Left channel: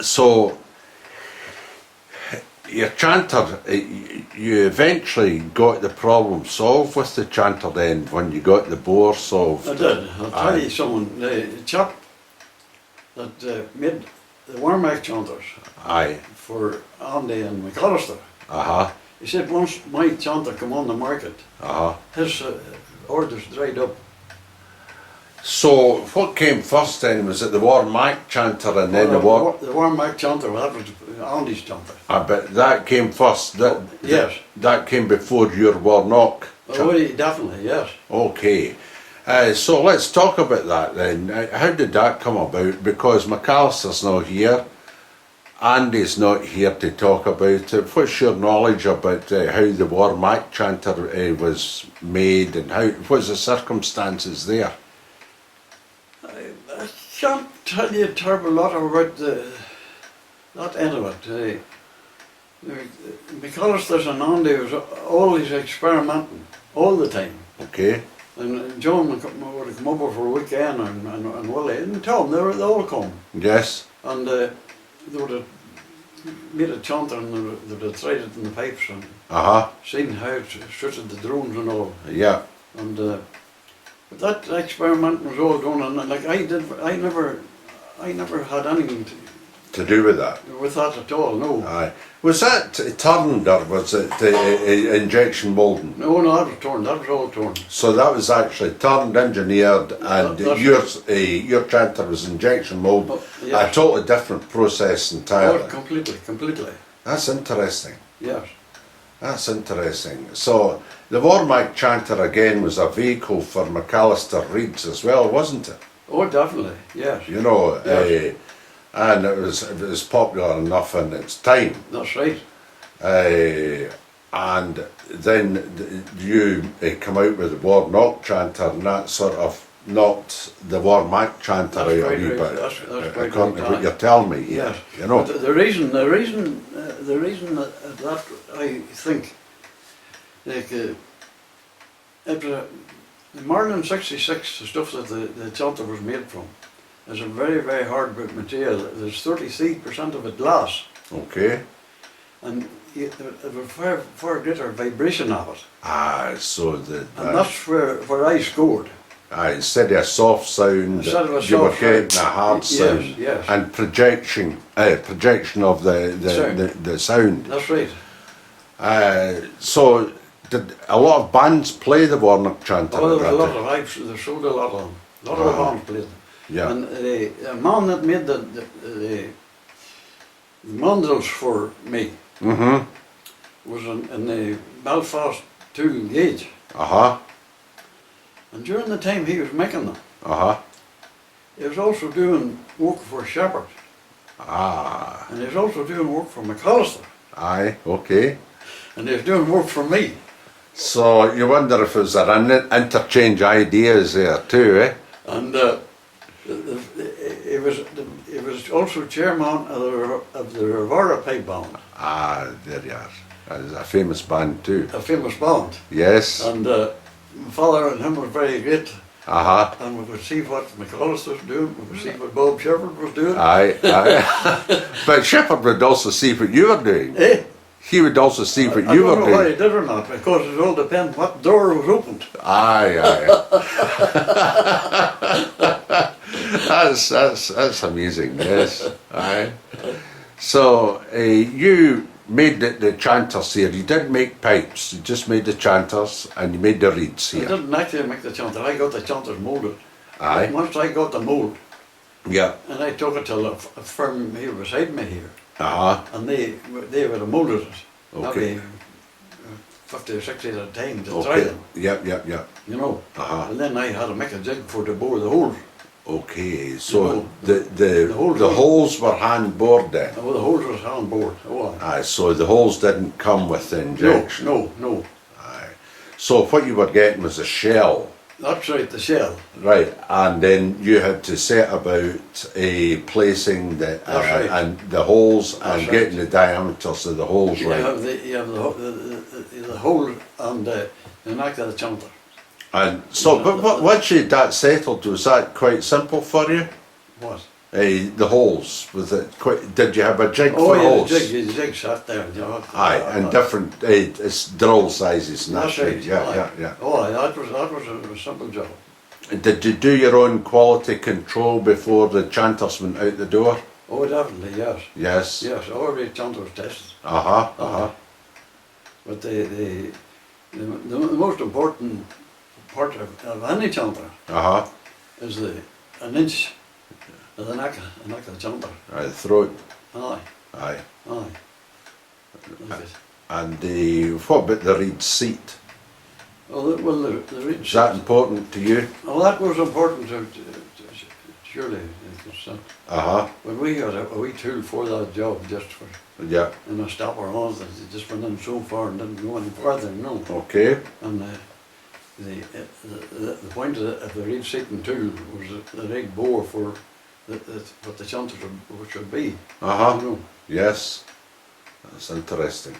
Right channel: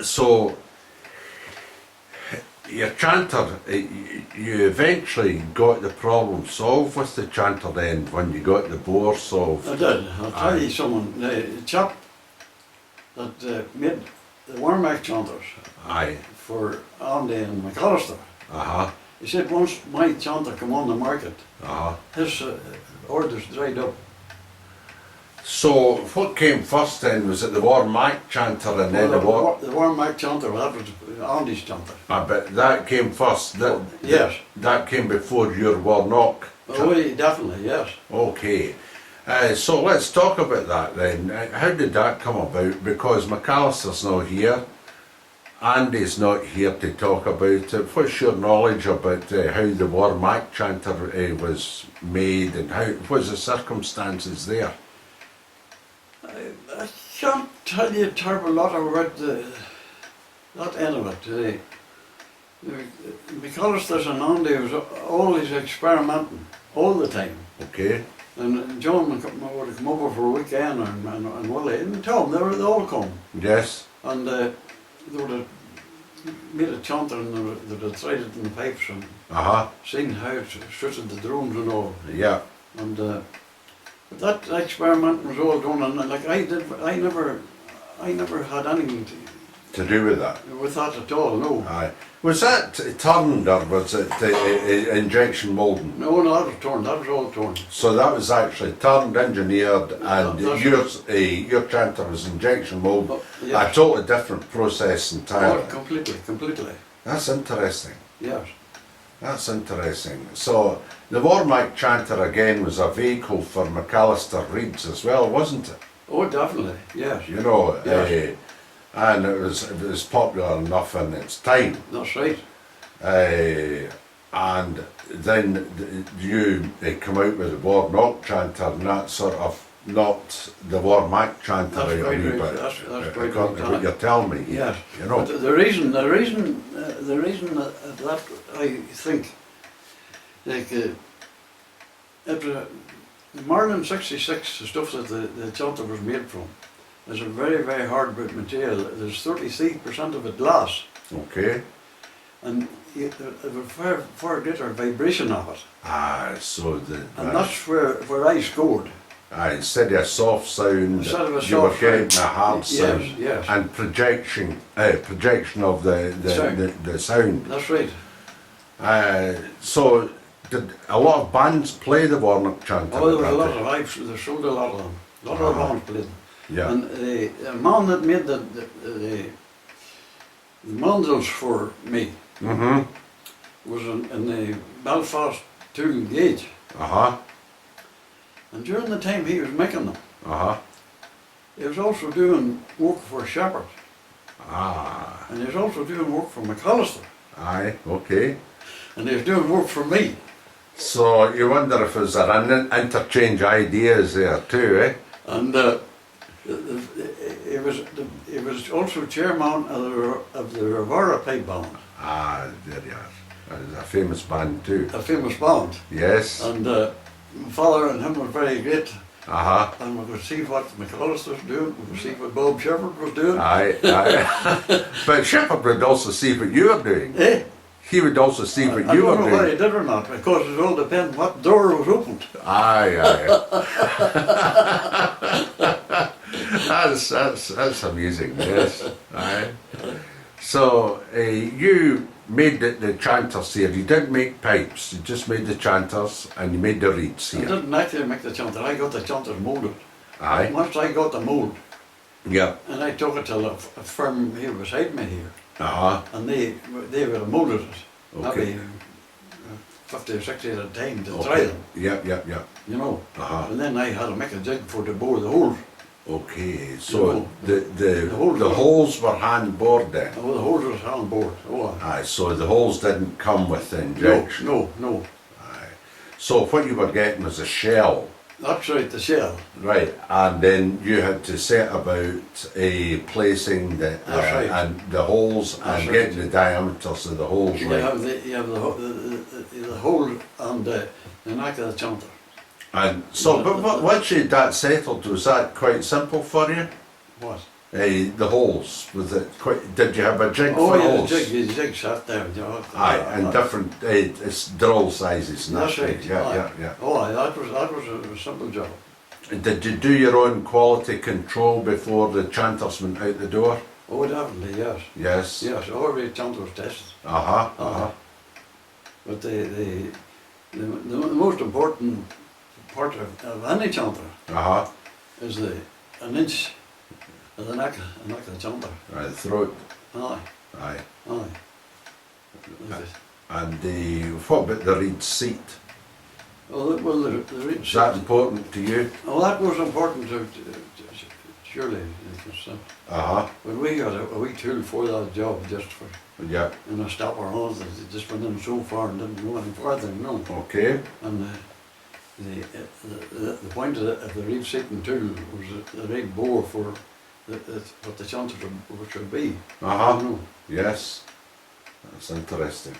So, your chanter, you eventually got the problem solved with the chanter then when you got the bore solved? I did. I'll tell you someone, the chap that made the Warnock chanters Aye. for Andy and McAllister, Uh-huh. he said once my chanter come on the market, Uh-huh. his orders dried up. So, what came first then? Was it the Warmack chanter and then the War? The Warnock chanter, that was Andy's chanter. But that came first. Yes. That came before your Warnock. Oh, definitely, yes. Okay. So let's talk about that then. How did that come about? Because McAllister's not here. Andy's not here to talk about it. What's your knowledge about how the Warmack chanter was made and what's the circumstances there? I can't tell you a terrible lot about that end of it. McAllister's and Andy was always experimenting, all the time. Okay. And John would come over for a weekend and Willie and Tom, they all come. Yes. And they would have made a chanter and they would have tried it in the pipes and seen how it suited the drones and all. Yeah. And but that experiment was all done, and like I never had anything To do with that? with that at all. No. Aye. Was that turned or was it injection moulding? No, that was torn. That was all torn. So that was actually turned, engineered, and your chanter was injection mould. Oh, yes. A totally different process entirely. Oh, completely. That's interesting. Yes. That's interesting. So the Warmack chanter again was a vehicle for McAllister reeds as well, wasn't it? Oh, definitely. Yes. You know, Yes. and it was popular enough in its time. That's right. And then you come out with the Warnock chanter, and that sort of knocked the Warmack chanter That's out quite a wee right. bit. That's quite According to right. what you're telling me. Yes. You know. But the reason that I think, like, it was the Marlin 66, the stuff that the chanter was made from, is a very, very hardwood material. There's 33% of it glass, Okay. and it was far greater vibration of it. So And that's where I scored. instead of a soft sound, Instead of a you soft were getting sound. a hard sound. Yes. And projection of the sound. That's right. So did a lot of bands play the Warnock chanter? Oh, there was a lot of, they sold a lot of them. A lot of the bands played them. Yeah. And the man that made the mandrels for me was in the Belfast 2 gauge. And during the time he was making them, he was also doing work for Shepherd. And he was also doing work for McAllister. Aye, okay. And he was doing work for me. So you wonder if there's an interchange ideas there too, eh? And he was also chairman of the Rivera Pipe Band. There you are. That is a famous band too. A famous band. Yes. And my father and him were very great. And we would see what McAllister was doing, we would see what Bob Shepherd was doing. Aye. But Shepherd would also see what you were doing. Eh? He would also see what I you don't were know doing. whether he did or not, because it all depends what door was opened. Aye. That's amazing. Yes. Aye. So you made the chanters here. You didn't make pipes. You just made the chanters and you made the reeds I here. didn't actually make the chanter. I got the chanters moulded. Aye. Once I got the mould, Yeah. and I took it to a firm here beside me here, Uh-huh. and they would have moulded it. Okay. Maybe 50 or 60 at a time to try them, Yeah. you know. Uh-huh. And then I had to make a jig for to bore the holes. Okay, so You know, the holes were hand bored then? Oh, the holes was on board. Oh, Aye, so the holes didn't come with the injection? no. Aye. So what you were getting was a shell? That's right, the shell. Right, and then you had to set about placing the That's right. and the holes That's and right. getting the diameters of the holes You right. have the hole and the neck of the chanter. And so, but once you had that settled, was that quite simple for you? What? The holes, was it quite, did you have a jig Oh for yeah, holes? the jig sat there. You know, Aye, and different it's drill sizes. And That's that right. kind, yeah, aye. yeah, yeah. Oh, aye, that was a simple job. Did you do your own quality control before the chanters went out the door? Oh, definitely, yes. Yes. Yes, every chanter was tested. Uh-huh, uh-huh. But the most important part of any chanter Uh-huh. is an inch of the neck of the chanter. Right, throat. Aye, Aye. aye. Like it. And what about the reed seat? Oh, well, the reed Is that important to you? well, that was important to surely. Uh-huh. But we got a wee tool for that job, just for Yeah. a stopper on that just went in so far and didn't go any further, no. Okay. And the point of the reed seating tool was the right bore for what the chanter should be. Uh-huh. You know. Yes. That's interesting.